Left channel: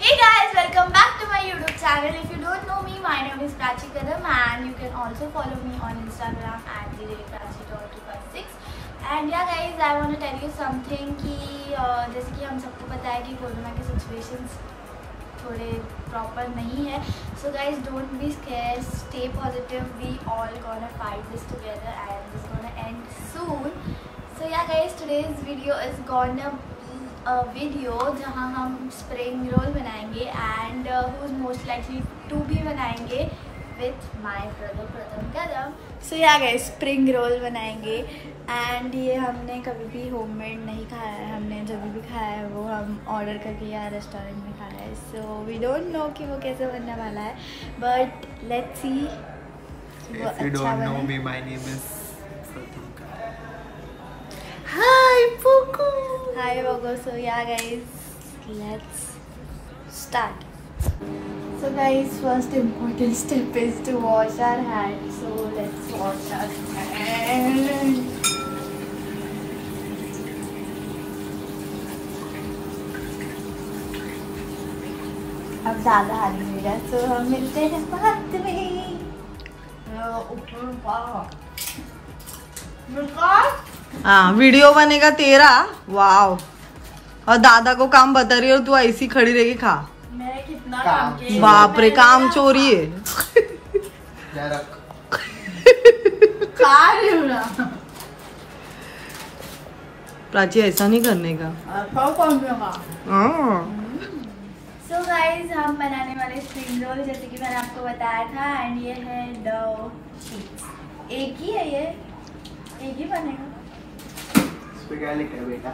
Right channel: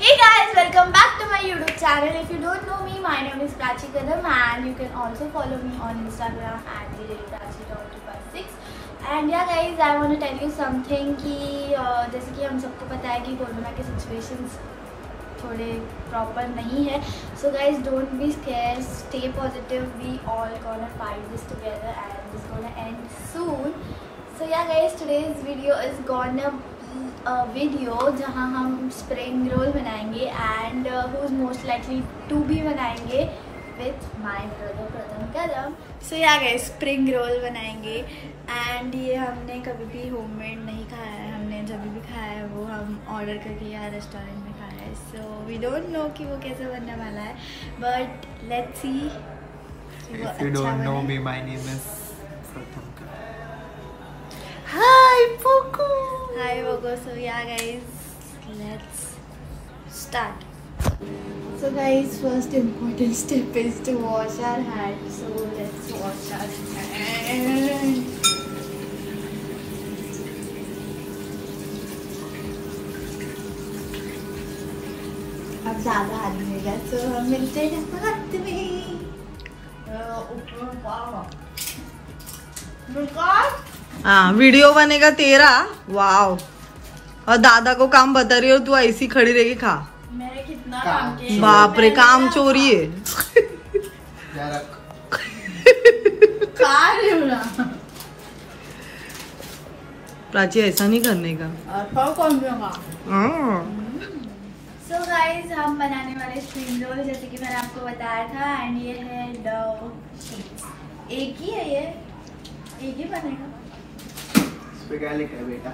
Hey guys, welcome back to my YouTube channel. If you don't know me, my name is Prachi Kadam and you can also follow me on Instagram at prachi.256. And yeah guys, I want to tell you something कि जैसे कि हम सबको पता है कि corona के situations थोड़े प्रॉपर नहीं है. So guys, don't be scared, stay positive. We all gonna fight this together and this gonna end soon. So yeah guys, today's video is gonna video जहाँ हम स्प्रिंग रोल बनाएंगे and who is most likely to भी बनाएंगे with my brother Pratham Kadam. So ya guys, spring roll बनाएंगे and ये हमने कभी भी होममेड नहीं खाया है. हमने जब भी खाया है वो हम ऑर्डर करके या रेस्टोरेंट में खाया है. सो वी डोंट नो कि वो कैसे बनने वाला है, बट लेट्स सी वो अच्छा बने. Hi, Poco. Hi, Poco. So yeah, guys, let's start. So guys, first important step is to wash our hands. So let's wash our hands. अब ज़्यादा हाथ मिलेगा, so हम मिलते हैं बाद में. हाँ, वीडियो बनेगा तेरा. वाओ. और दादा को काम बता रही हो, तू ऐसी खड़ी रहेगी. खा. मैं कितना काम किया. बाप रे, काम चोरी है. खा रही हूँ ना. प्राची, ऐसा नहीं करने का. सो गाइस, हम बनाने वाले स्प्रिंग रोल जैसे कि मैंने आपको बताया था एंड ये है डो शीट्स. एक ही है ये, एक ही बनेगा. इस पे क्या लिखा है बेटा?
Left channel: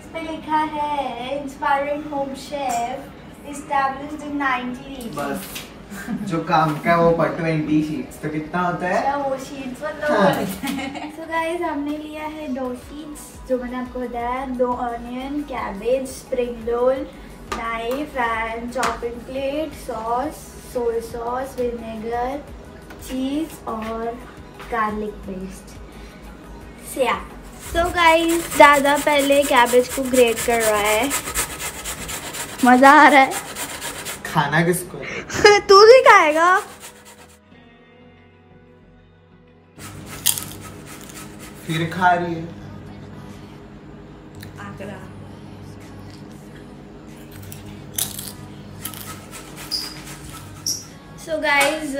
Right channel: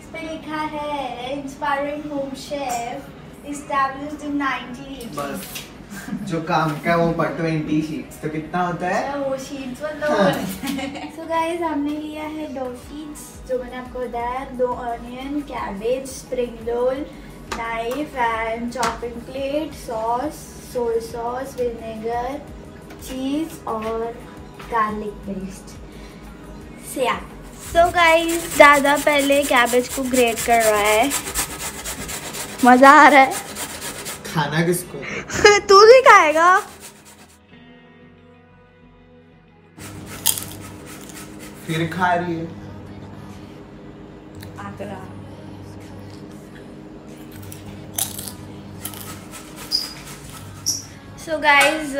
इस पे लिखा है inspiring home chef established in 1980. बस जो काम का वो पर 20 शीट्स तो कितना होता है वो शीट्स मतलब. सो गाइस, हमने लिया है डो शीट्स जो मैंने आपको बताया. 2 onion, cabbage, spring roll, knife and chopping plate, sauce, soya sauce, vinegar, चीज और गार्लिक पेस्ट. सो गाइस, दादा पहले कैबेज को ग्रेट कर रहा है. मजा आ रहा है. खाना किसको? तू भी खाएगा. फिर खा रही है. आगरा. सो गाइज,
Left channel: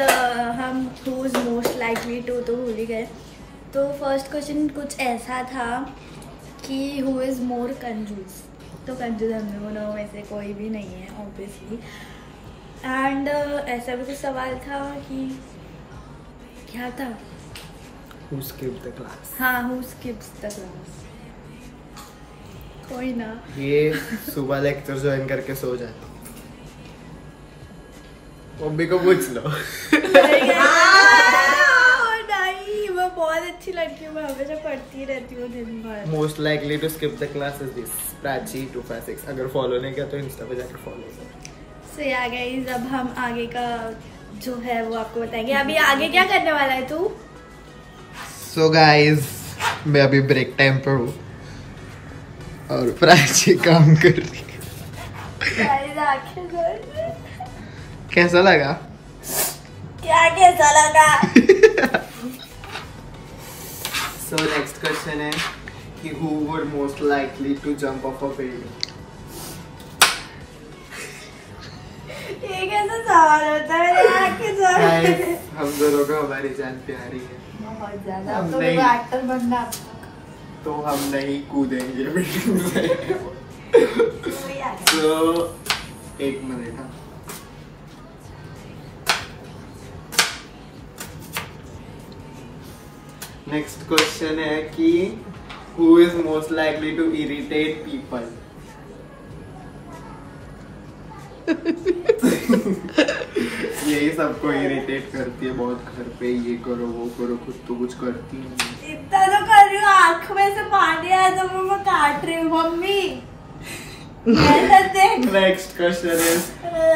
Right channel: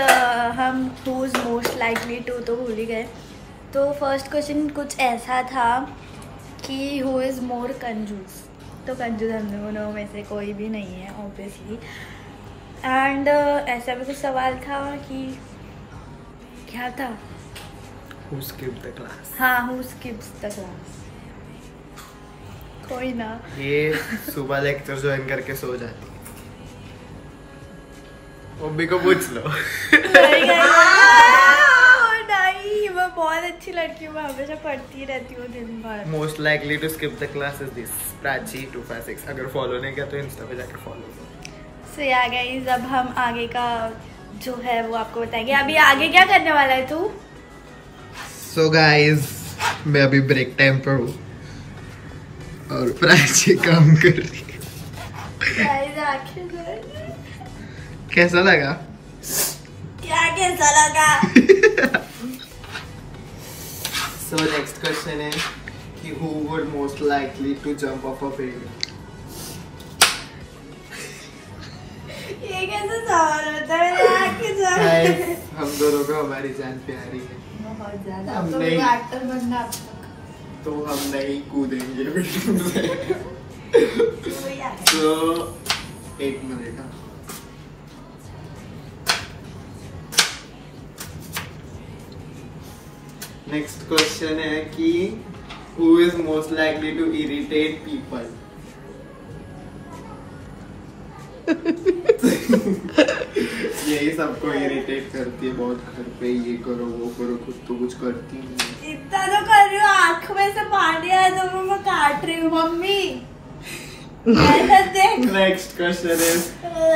हम who is most likely to तो भूल ही गए. तो फर्स्ट क्वेश्चन कुछ ऐसा था कि हु इज मोर कंजूस. तो कंजूस हम दोनों में से कोई भी नहीं है ऑब्वियसली. एंड ऐसा भी कुछ सवाल था कि क्या था. Who skipped the class? हाँ, हु स्किप्स द क्लास. कोई ना. ये सुबह लेक्चर ज्वाइन करके सो जाती है. मम्मी को पूछ लो. नहीं, मैं बहुत अच्छी लड़की हूँ. मैं हमेशा पढ़ती रहती हूँ दिन भर. Most likely to skip the class is this Prachi 256. अगर फॉलो नहीं किया तो इंस्टा पे जाकर फॉलो करो. सो या गाइस, अब हम आगे का जो है वो आपको बताएंगे. अभी आगे क्या करने वाला है तू? सो गाइस, मैं अभी ब्रेक टाइम पर हूँ और प्राची काम कर रही है. कैसा लगा? क्या कैसा लगा? So next question है कि who would most likely to jump off a building? ये कैसा सवाल होता है? हम दोनों को हमारी जान प्यारी है बहुत ज्यादा. हम नहीं एक्टर बनना तो हम नहीं कूदेंगे बिल्डिंग से. तो 1 मिनट. नेक्स्ट क्वेश्चन है कि who is most likely to irritate people? यही सबको इरिटेट करती है बहुत. घर पे ये करो वो करो, खुद तो कुछ करती नहीं. इतना तो कर रही हूँ, आँख में से पानी आया तो मैं काट रही हूँ mummy. Next question is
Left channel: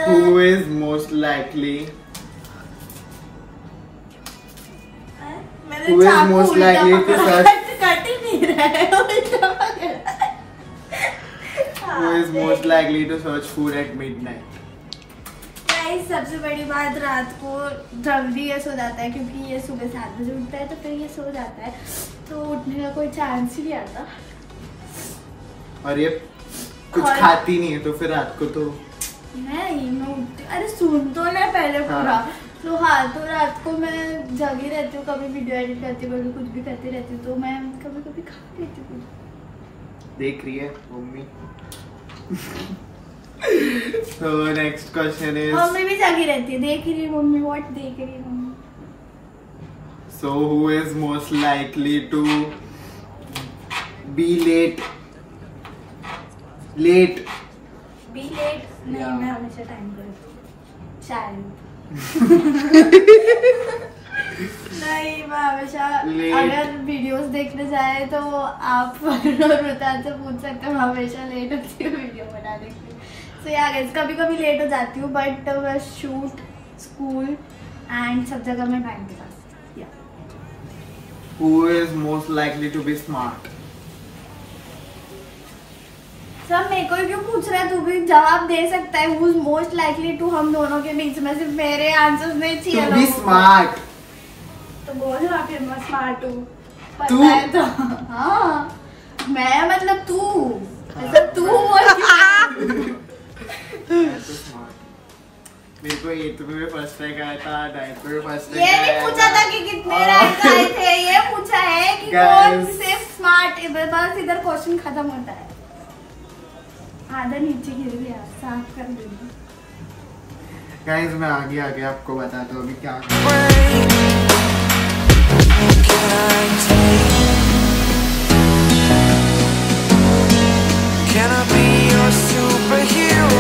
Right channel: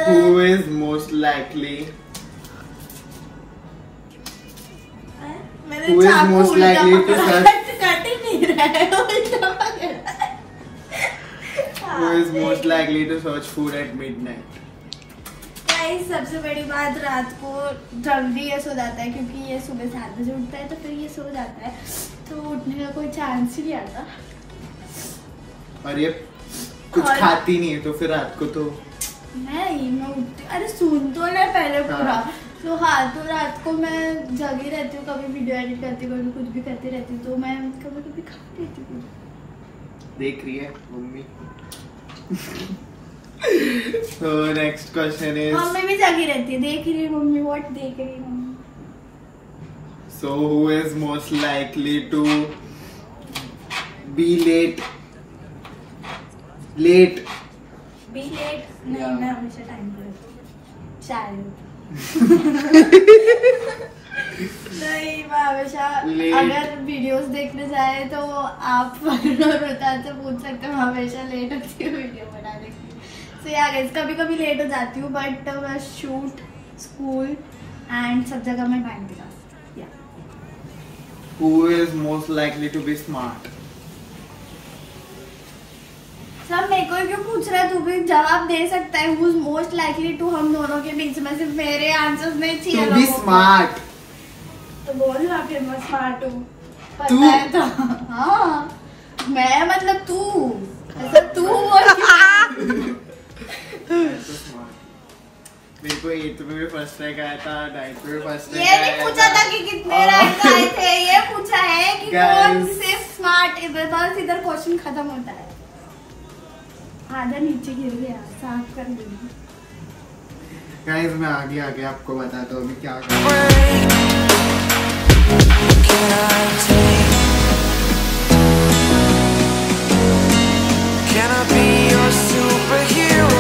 who is most likely Who is most likely to touch? Cut ही नहीं रहा है. Who is most likely to search food at midnight? Guys सबसे बड़ी बात, रात को जल्दी ये सो जाता है क्योंकि ये सुबह 7 बजे उठता है तो फिर ये सो जाता है, तो उठने का कोई चांस ही नहीं आता। और ये कुछ खाती नहीं है तो फिर रात को तो मैं उठती, अरे सुन तो ना पहले पूरा। तो हाँ, तो रात को मैं जगी रहती हूँ, कभी वीडियो एडिट करती हूँ, कभी कुछ भी करती रहती हूँ, तो मैं कभी कभी खा लेती हूँ। देख रही है mummy. So next question is, mummy भी जगी रहती है, देख रही है मम्मी, व्हाट देख रही है mummy. So who is most likely to be late? Be late? नहीं, मैं हमेशा टाइम पर शायद। नहीं, मैं हमेशा, अगर वीडियोस देखने जाए तो आप रुतान से पूछ सकते हो, हमेशा लेट होती हूँ वीडियो बनाने के लिए। तो यार कभी कभी लेट हो जाती हूँ, बट मैं शूट, स्कूल एंड सब जगह मैं टाइम पे जाती हूँ। Who is most likely to be smart? सब मेरे को क्यों पूछ रहा है, तू भी जवाब दे सकता है। Who is most likely to, हम दोनों के बीच में सिर्फ मेरे आंसर्स नहीं चाहिए। To be smart. तो बोल रहा फिर मैं स्मार्ट हूँ, पता है तो। हाँ, मैं मतलब तू, ऐसा तू बोल। मेरे को 8th में भी फर्स्ट रैंक आया था, 9th में फर्स्ट रैंक ये नहीं पूछा था कि कितने रैंक आए थे, ये पूछा है कि कौन से स्मार्ट। बस इधर क्वेश्चन खत्म होता है। आधा नीचे गिर गया, साफ कर दूंगी। गाइस मैं आगे आपको बताता हूँ अभी क्या Can I be your superhero?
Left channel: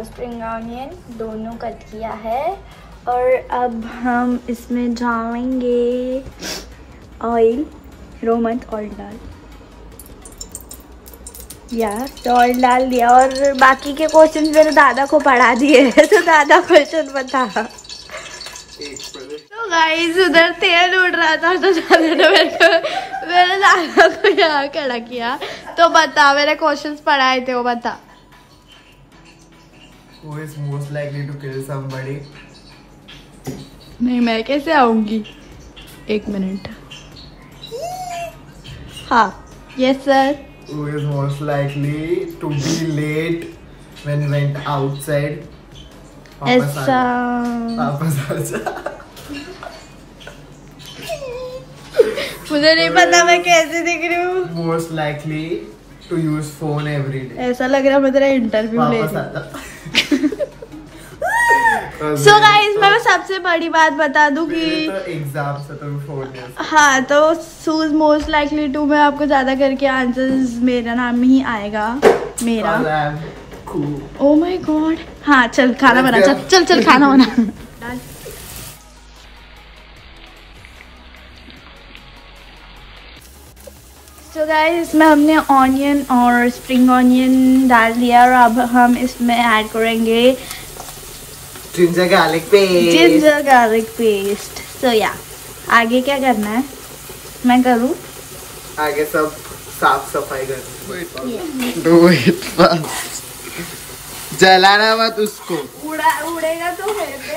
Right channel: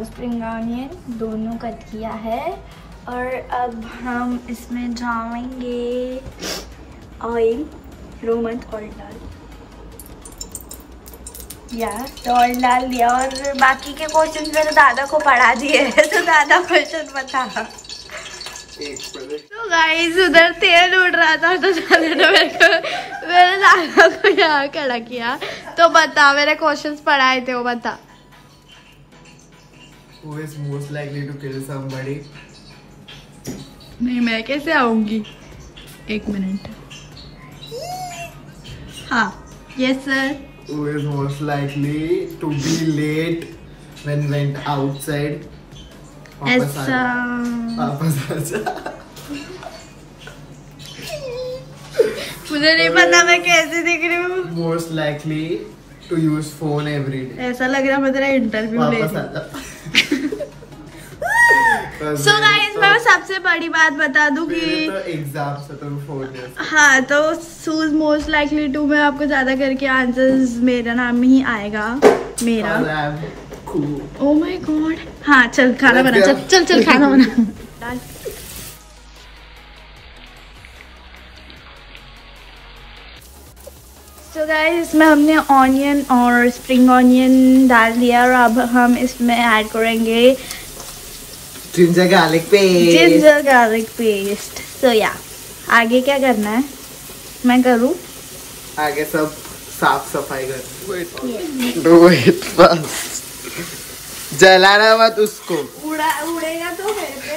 Spring onion दोनों कट किया है, और अब हम इसमें डालेंगे ऑयल, रोमन ऑयल तो ऑयल डाल दिया। और बाकी के क्वेश्चन मेरे दादा को पढ़ा दिए हैं, तो दादा क्वेश्चन बता। तो गाइस उधर तेल उड़ रहा था, तो दादा ने मेरे दादा को यहाँ खड़ा किया। तो बता, मेरे क्वेश्चंस पढ़ाए थे, वो बता। Who is most likely to kill somebody? नहीं, मैं कैसे आऊंगी? 1 मिनट। हाँ, yes sir. Who is most likely to be late when went outside? वापस आजा। मुझे नहीं पता मैं कैसे दिख रही हूँ। Most likely to use phone every day. ऐसा लग रहा है मैं तेरा इंटरव्यू ले रही हूँ। So guys, मैं सबसे बड़ी बात बता दूं कि एग्जाम से तुम फोन, हाँ, तो who's most likely to में आपको ज्यादा करके आंसर्स मेरा नाम ही आएगा, मेरा। Oh my God। हाँ चल खाना बना, चल खाना बना। तो गाइस इसमें हमने ऑनियन और स्प्रिंग ऑनियन डाल दिया, और अब हम इसमें ऐड करेंगे जिंजर गार्लिक पेस्ट। तो या आगे क्या करना है, मैं करूँ? आगे सब साफ सफाई कर। Do it fast. जलाना मत उसको, उड़ेगा तो मेरे पे।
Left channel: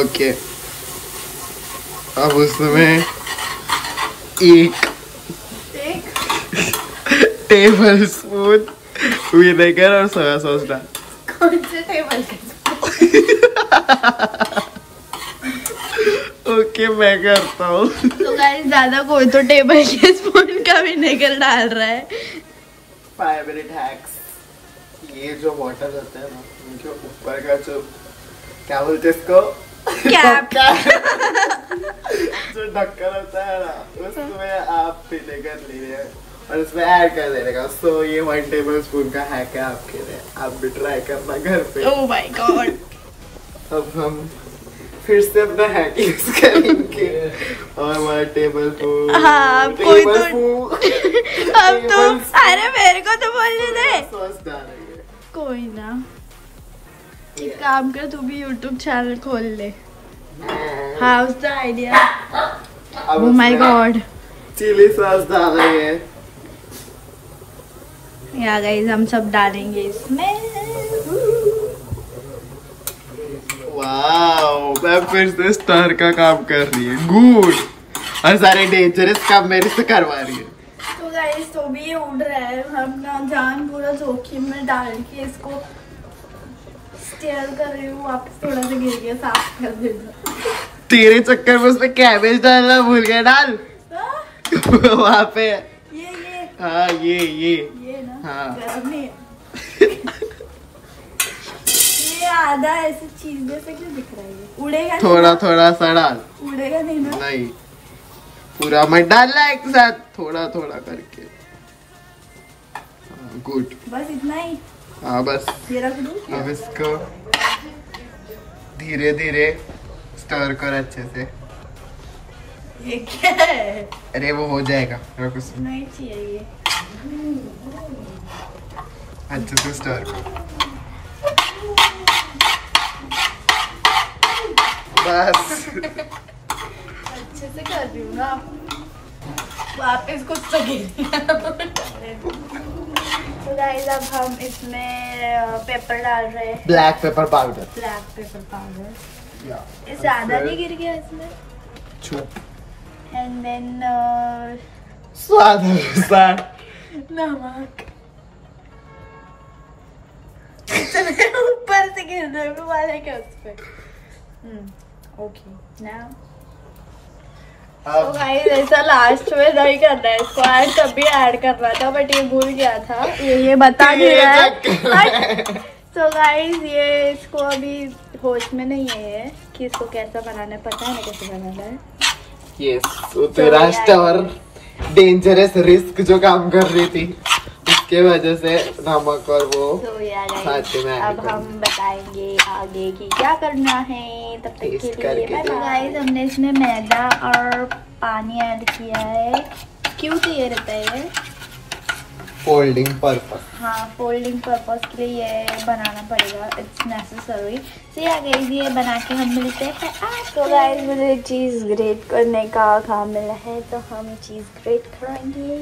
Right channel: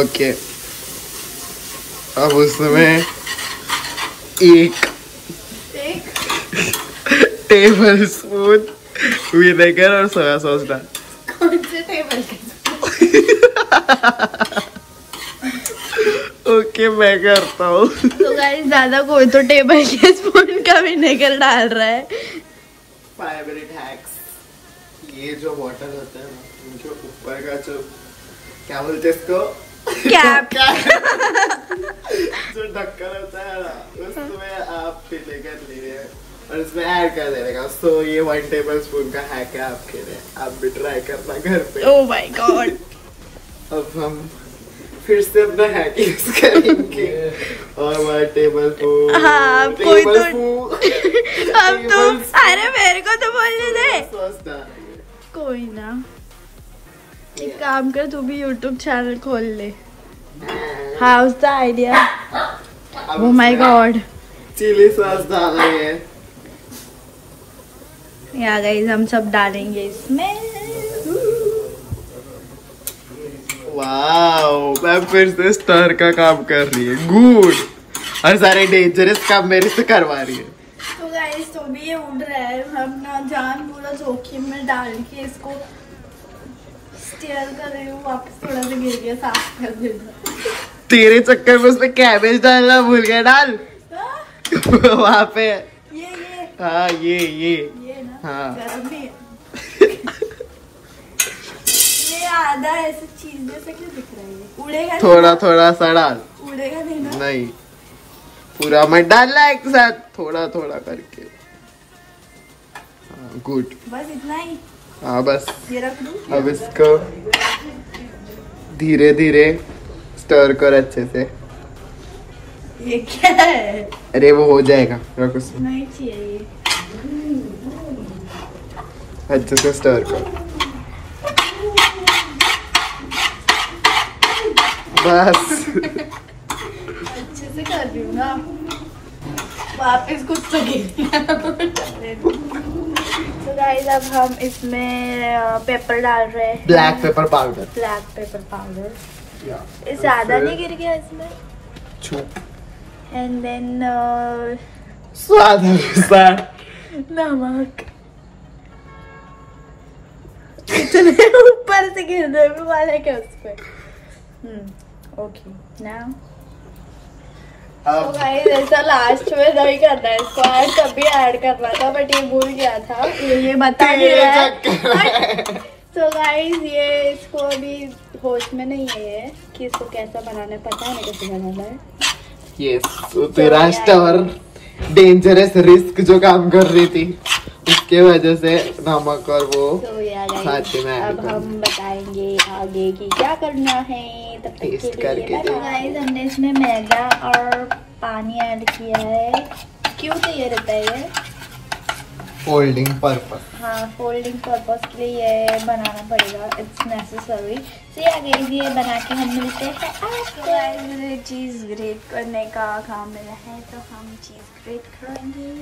ओके, अब उसमें 1 टेबल स्पून विनेगर और सोया सॉस डाल। कौन से टेबल? ओके मैं करता हूँ। तो गाइस ज्यादा कोई तो टेबल के स्पून का विनेगर डाल रहा है। 5 मिनट हैक्स। ये जो बॉटल होता है ना, उनके ऊपर का जो क्या बोलते हैं इसको, कैप। जो ढक्कन होता है ना, उसमें आप विनेगर लिए और उसमें ऐड कर देगा। तो ये 1 टेबल स्पून का हैक है आपके लिए, आप भी ट्राई करना घर पे। ओह माय गॉड। अब हम फिर से अपना हैक यूज करेंगे और हमारे टेबल को हाँ कोई तो अब तो अरे मेरे को तो बोलने दे कोई ना एक काम कर तू भी YouTube चैनल खोल ले how's the idea oh my god chili sauce डालेंगे या गाइस हम सब डालेंगे इसमें वाओ मैं फिर से स्टर का काम कर रही है गुड और सारे डेंजरस काम मेरे से करवा रही है तो गाइस तो भी ये उड़ रहा है हम ना जान पूरा जोखिम में डाल के इसको स्टेयर कर रही हूँ वापस थोड़ा सा गिर गया साफ कर देना तेरे चक्कर में उसमें कैबेज डालना भूल गया डाल वहाँ पे ये हाँ ये ना हाँ गरम नहीं है ये आधा ऐसी चीज जैसे क्यों दिख रहा है उड़ेगा थोड़ा थोड़ा सा डाल उड़ेगा नहीं ना नहीं पूरा मत डालना एक साथ थोड़ा थोड़ा करके गुड बस इतना ही हाँ बस ये रख दूं अब इसको धीरे धीरे स्टर कर अच्छे से ये क्या है अरे वो हो जाएगा रख उसमें नहीं चाहिए अच्छे से स्टर कर बस अच्छे से कर रही हूँ ना वापस कुछ तो गाइस अब हम इसमें पेपर डाल रहे हैं ब्लैक पेपर पाउडर ये ज्यादा नहीं गिर गया इसमें एंड देन स्वाद नमक इतने ऊपर से गिरने वाले क्या उस पे ओके नाउ तो गाइस ऐसा लास्ट में नहीं करना है इसको ऐड तभी ऐड करना था बट ये भूल गया था ये बता दिया है तो गाइस ये इसको अभी होश में नहीं है कि इसको कैसा बनाना है पता है ना कैसे बनाना है यस वो तेरा स्टर डेंजरस रिस्क जो काम कर रही थी उसके वजह से नमक और वो तो यार अब हम बताएंगे आगे की क्या करना है तब तक के लिए गाइस हमने इसमें मैदा और पानी ऐड किया है क्यों चाहिए रहता है ये फोल्डिंग पर्पस हाँ फोल्डिंग पर्पस के लिए ये बनाना पड़ेगा इट्स नेसेसरी तो गाइस ये बना के हम मिलते हैं तो गाइस मुझे चीज ग्रेट करने का काम मिला है तो हम चीज ग्रेट करेंगे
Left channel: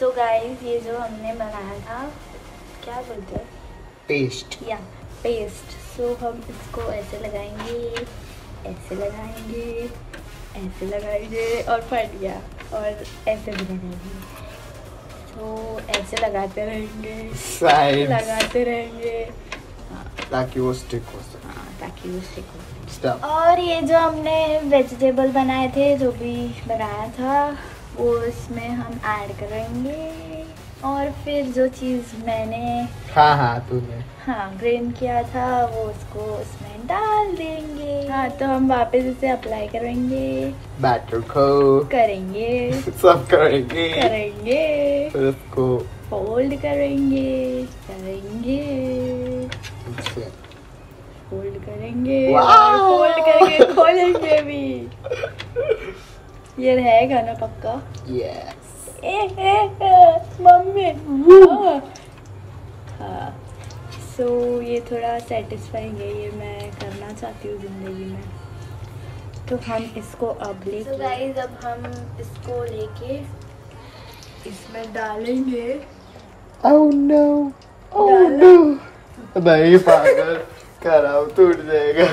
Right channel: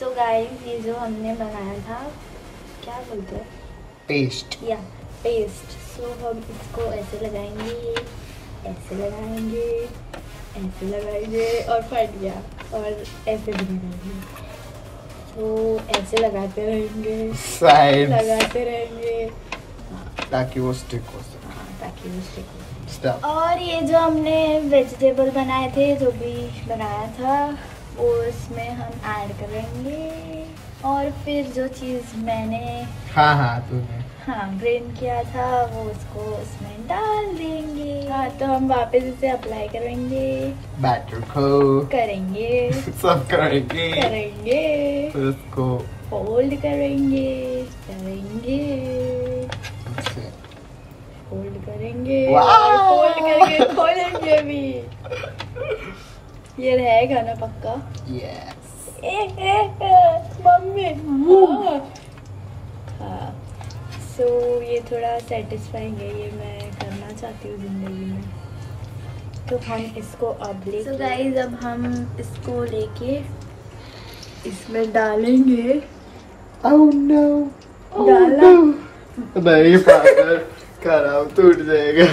तो गाइस ये जो हमने बनाया था क्या बोलते हैं पेस्ट या पेस्ट तो हम इसको ऐसे लगाएंगे और फट गया और ऐसे भी लगाएंगे तो ऐसे लगाते रहेंगे ताकि वो स्टिक हो सके और ये जो हमने वेजिटेबल बनाए थे जो भी बनाया था वो इसमें हम ऐड करेंगे और फिर जो चीज मैंने तूने ब्रेन किया था वो उसको उसमें डाल देंगे तो हम वापस इसे अप्लाई करेंगे बैटर को करेंगे सब करेंगे फिर उसको फोल्ड करेंगे खोलेंगे भी ये रहेगा ना पक्का यस मम्मी तो ये थोड़ा सेटिस्फाइंग है ये मैं करना चाहती हूँ जिंदगी में तो हम इसको अब गाइस अब हम इसको लेके इसमें डालेंगे Oh no नहीं पागल खराब टूट जाएगा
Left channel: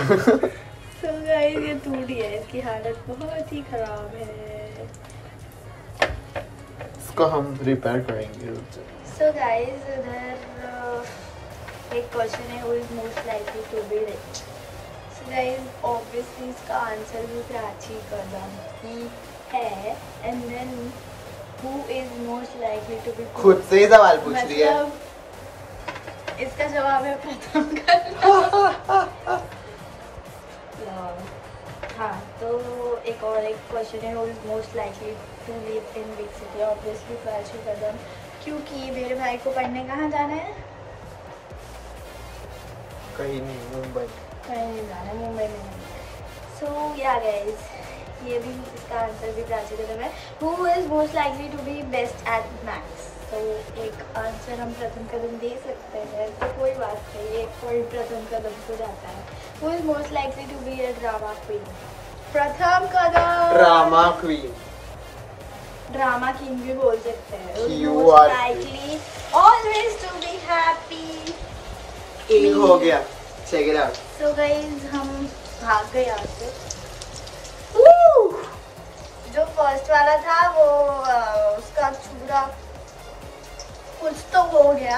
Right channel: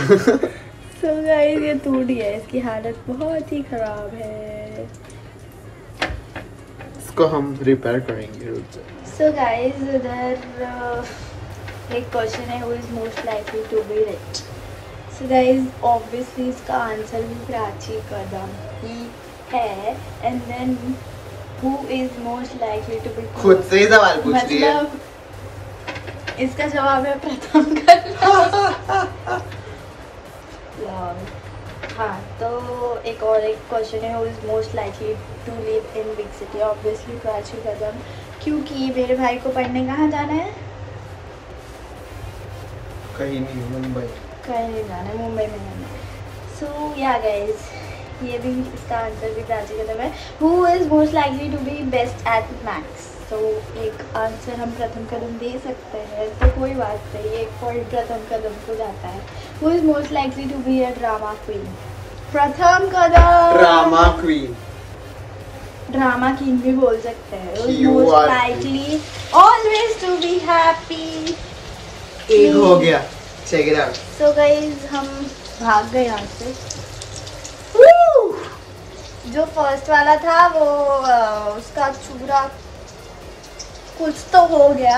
तो गाइस ये टूट गया इसकी हालत बहुत ही खराब है इसको हम रिपेयर करेंगे So guys, उधर एक क्वेश्चन है, who is most likely to be rich? So guys, obviously इसका आंसर भी प्राची कदम ही है, and then who is most likely to be poor? खुद से ही सवाल पूछ रही है। मतलब इसका जवाब है प्रथम कदम। हाँ, तो एक क्वेश्चन है, who is most likely to live in big city? Obviously Prachi Kadam, क्योंकि मेरे भाई को पढ़ने कहाँ जाना है? कहीं नहीं, मुंबई। कहीं नहीं जाना है, मुंबई में जाना है। सो या गाइस, ये भी इसका आंसर भी प्राची कदम है। Who is most likely to be best at maths? तो एक आंसर हम प्रथम कदम दे सकते हैं, तो कोई बात नहीं, एक पॉइंट प्रथम कदम को जाता है। Who is most likely to be a drama queen? Pratham Kadam. Drama queen, drama queen भी बोल सकते हैं। Who is You most are- likely always to be happy? एक हो गया, check it out. So guys, हम भाग गए यहाँ से। Woo! जो फर्स्ट वाला था वो उसका चूरा कुछ तो हो गया,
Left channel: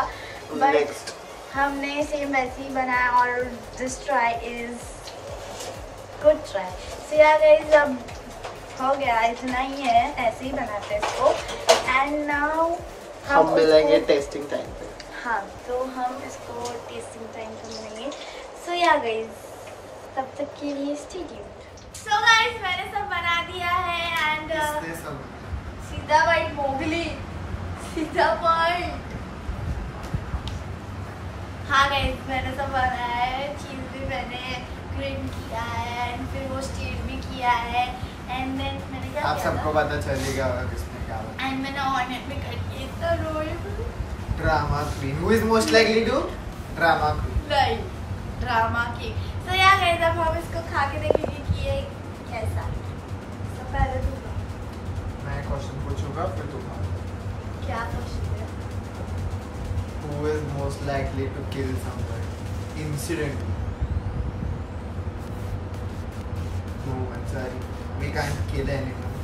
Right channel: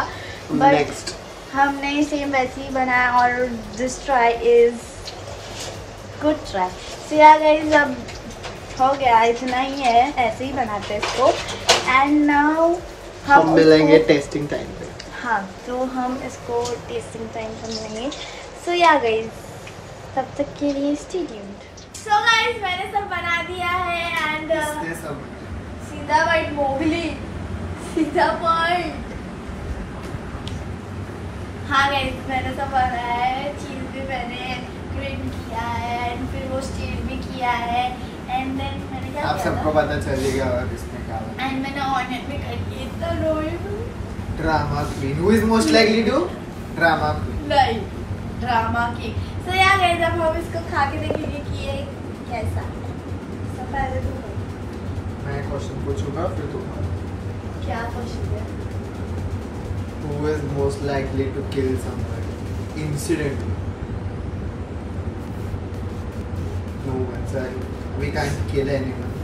बट नेक्स्ट हमने सेम वैसे ही बनाया और this try is good try. So यार गाइस, अब हो गया, इतना ही है, ऐसे ही बनाते हैं इसको। एंड नाउ हम मिलेंगे टेस्टिंग टाइम पे। हाँ, तो हम इसको टेस्टिंग टाइम पर मिलेंगे। सो या गाइस, तब तक के लिए स्टे ट्यून्ड। सो गाइस, मैंने सब बना दिया है एंड सीधा वाइट मोगली, सीधा पॉइंट। हाँ गाइस, मैंने सब बनाया है, चीज भी मैंने ग्रीन किया है एंड फिर वो स्टीर भी किया है एंड देन मैंने क्या आप किया सबको था पता चलेगा किसने क्या एंड मैंने ऑनियन भी कर दिया। तो रोई drama queen, who is most likely to drama queen? नहीं, ड्रामा की। तो यार गाइस, अब हम इसको खा के देखेंगे कि ये कैसा है। तो पहले तो मैं क्वेश्चन पूछूंगा फिर तुम। क्या क्वेश्चन है? Who is most likely to kill someone incidentally? No, I'm sorry. We can't kill anyone.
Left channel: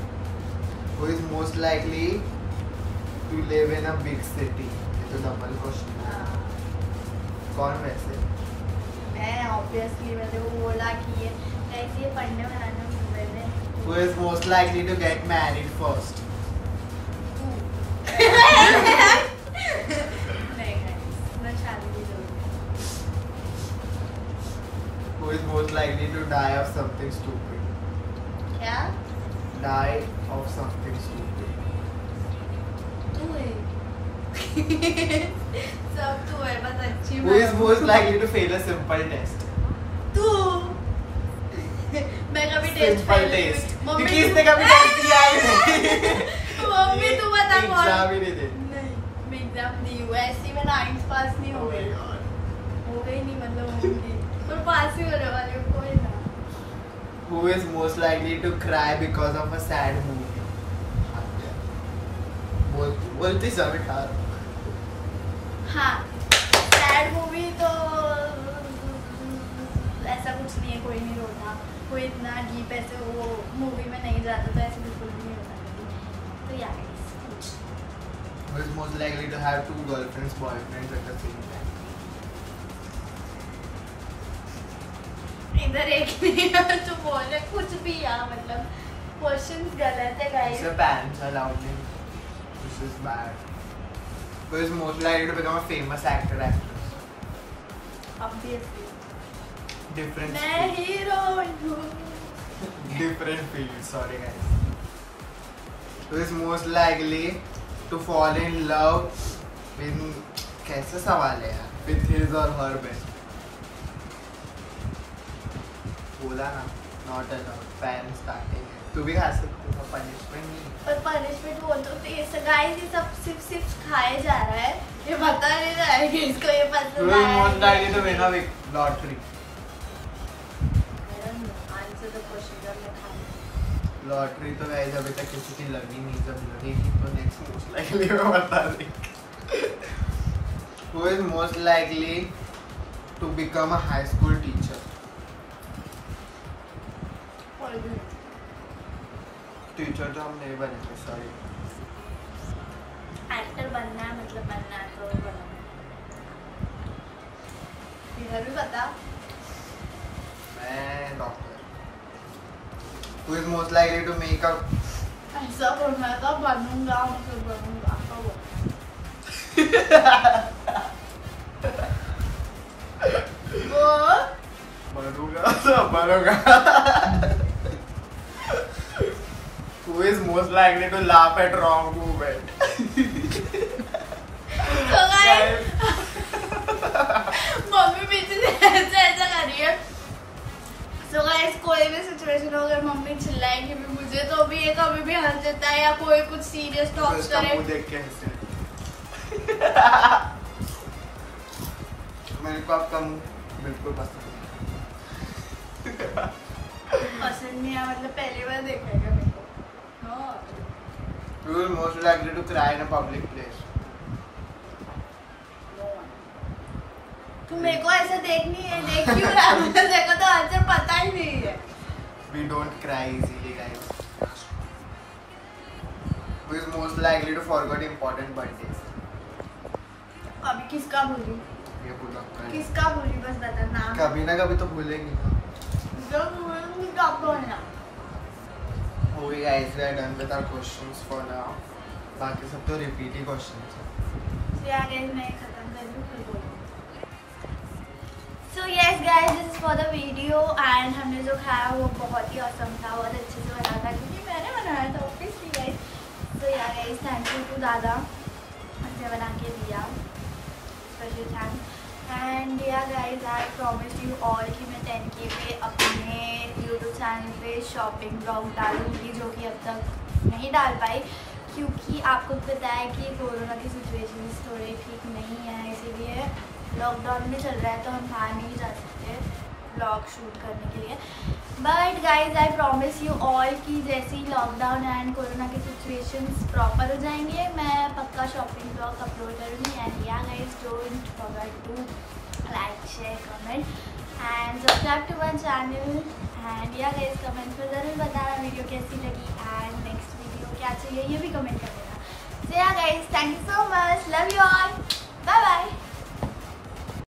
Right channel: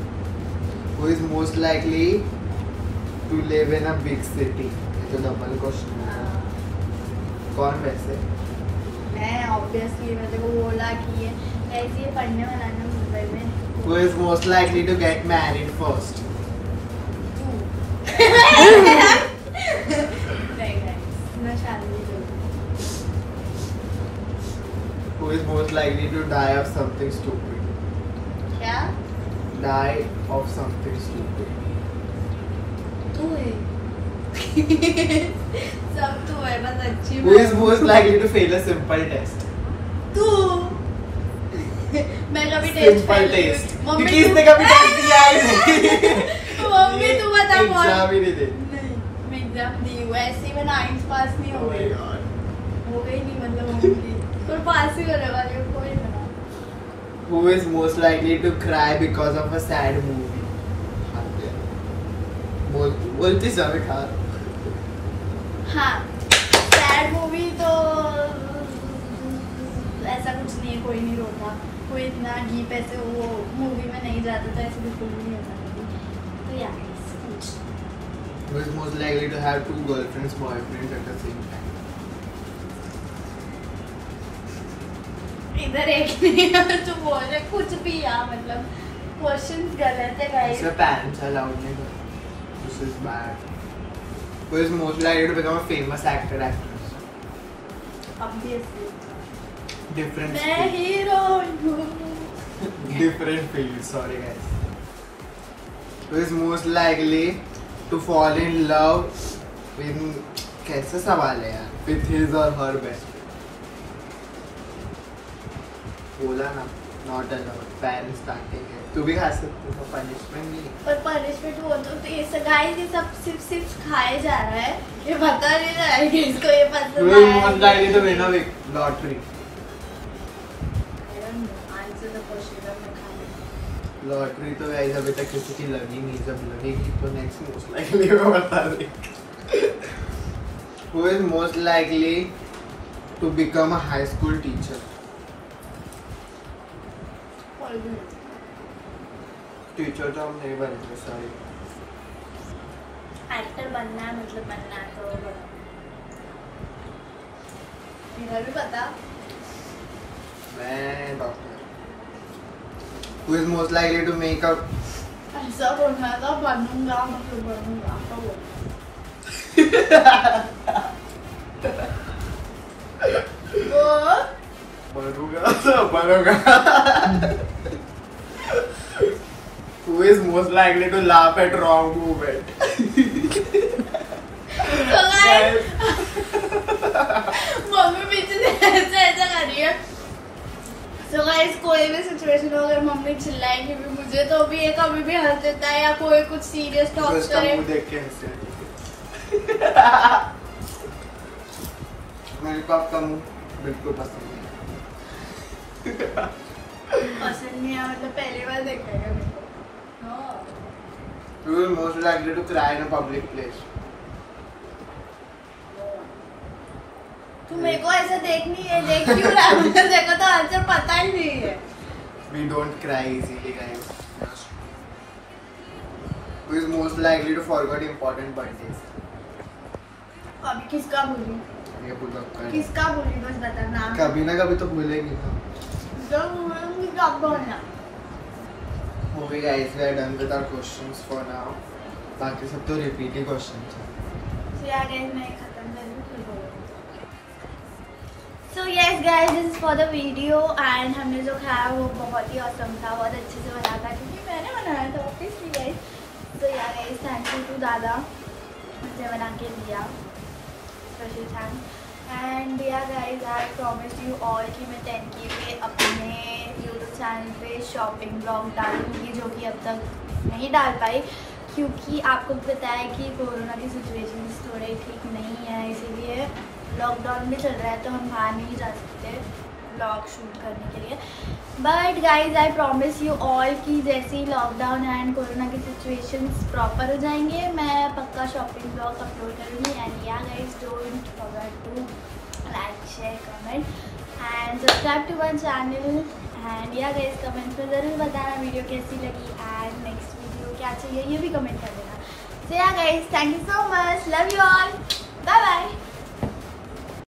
Who is most likely to live in a big city? तो डबल क्वेश्चन है। कौन वैसे? मैं ऑब्वियसली मैंने को बोला कि ये कैसे ये पढ़ने बनाने मुंबई में। Who is most likely to get married first? नहीं guys, मैं शादी नहीं करूँगी। Who is most likely to die of something stupid? क्या? Die of something stupid. तू है। सब तू है, बस अच्छी Who is most likely to fail a simple test? तू। मैं कभी टेस्ट Simple test. मम्मी क्योंकि इसने कभी टेस्ट दिया ही नहीं। मम्मी तू बता एग्जाम ही नहीं दे। नहीं, मैं एग्जाम दी हूँ, ऐसे ही मैं 9th पास नहीं हो गई। हो गई नहीं मतलब होंगी, पर पास ही होने वाली हूँ, कोई ना। Who is most likely to cry because of a sad movie? बोलती समय खा। हाँ, सैड मूवी तो ऐसा कुछ नहीं है, कोई नहीं रोता, कोई इतना डीप ऐसे वो मूवी में नहीं जाता, तो ऐसे बिल्कुल भी नहीं होता कभी। तो यार Who is most likely to have two girlfriends, boyfriends at the same time? इधर एक नहीं है तो बोले कुछ भी यार, मतलब क्वेश्चंस गलत है गाइस। इसमें parents allowed नहीं। This is bad. Who is most likely to become a famous actor, actress? Obviously Different मैं field. हीरो हूँ। Different field. Sorry guys. Who is most likely to fall in love in कैसा सवाल है यार? With his or her best. बोला ना, not allowed. Parents starting है। तू भी खा सकती है, punishment नहीं। और पनिशमेंट बोल दो तो ये गाइस, ये सब सिर्फ खाए जा रहा है, ये पता नहीं जा रहा है कि इसको ये पसंद Who is आया most likely to win a lottery? Answer the question. Lottery तो वैसे अभी तक किसी की लगी नहीं, जब लगेगी तो नेक्स्ट मोस्ट लाइकली मैं बता देंगे। Who is most likely to become a high school teacher? Teacher तो हम नहीं बनेंगे, सॉरी। एक्टर बनना है, मतलब बनना है तो इधर भी पता। मैं doctor. Who is most likely to make a ऐसा बोलना था, बनूंगा मतलब बनूंगा तो वो बनूंगा. Who is most likely to laugh at wrong movement? Mummy पीछे से ऐसा कर रही है. So guys, कोई भी सिचुएशन हो अगर मम्मी चिल्लाएगी भी मुझे तो भी ये कभी भी हंस देता है या कोई कुछ सीरियस टॉक करे. मेरे को आपका मुंह बिल्कुल पसंद नहीं. पसंद नहीं है मतलब पहली बार देखा है मेरे को. You will most likely to cry in a public place. तू मेरे को ऐसा देख क्यों रहा है? मुझे देखो तो आंसर पता ही नहीं है. We don't cry easily, guys. Who is most likely to forget important birthdays? अभी किसका भूली? ये बोलो. किसका भूली बस बता नाम. कभी ना कभी तो भूलेंगे. जो भूलूंगी कब बोलना. Okay guys, we are done with our questions for now. बाकी सब तो repeat ही questions हैं. So yeah guys, मैं खत्म करूँ. So yes guys, this is for the video and हमने जो खाया वो बहुत ही awesome था, बहुत अच्छे से बना था क्योंकि मैंने बनाया था obviously guys. So yeah guys, thank you to दादा मुझे बना के दिया. Special thanks. And yeah guys, I promised you all कि मैं 10K पे अपने YouTube चैनल पे शॉपिंग ब्लॉग डालूंगी जो कि अब तक नहीं डाल पाई क्योंकि आपको पता है कि कोरोना की सिचुएशन थोड़े ठीक नहीं है, इसीलिए लॉकडाउन भी चल रहा है तो हम बाहर नहीं जा सकते ब्लॉग शूट करने के लिए. But guys I promise you all कि जैसे ही लॉकडाउन एंड कोरोना की सिचुएशंस प्रॉपर हो जाएंगे मैं पक्का शॉपिंग ब्लॉग अपलोड करूँगी. And ya guys don't forget to like share comment and subscribe to my channel. And ya guys comment में ज़रूर बताना वीडियो कैसी लगी एंड नेक्स्ट वीडियो क्या चाहिए ये भी कमेंट कर देना. So ya guys thank you so much, love you all, bye bye.